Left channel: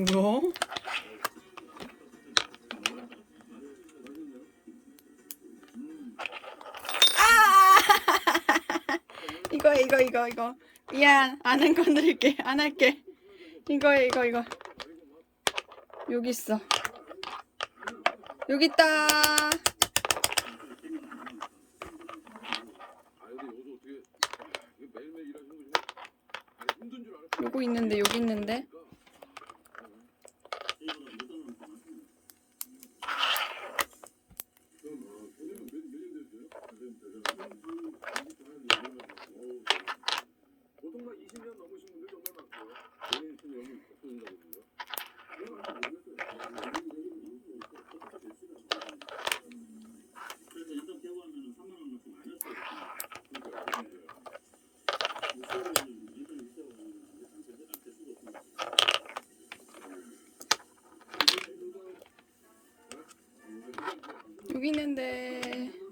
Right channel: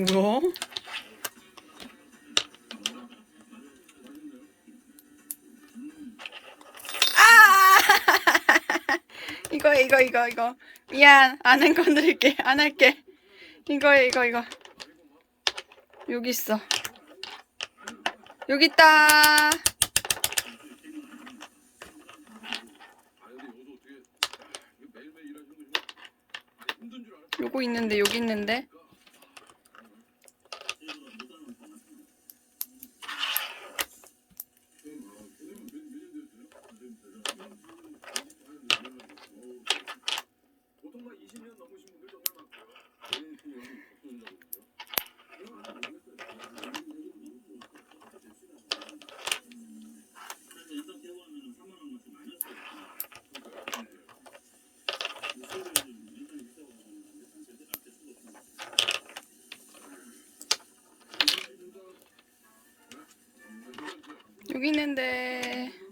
뭐야? 아! 이거. 미안. 안 건드릴게. 안 할게. 이거. 여기 있어. 여기 있다. 요거 있는데, 여기 있는데. 여기 있는데.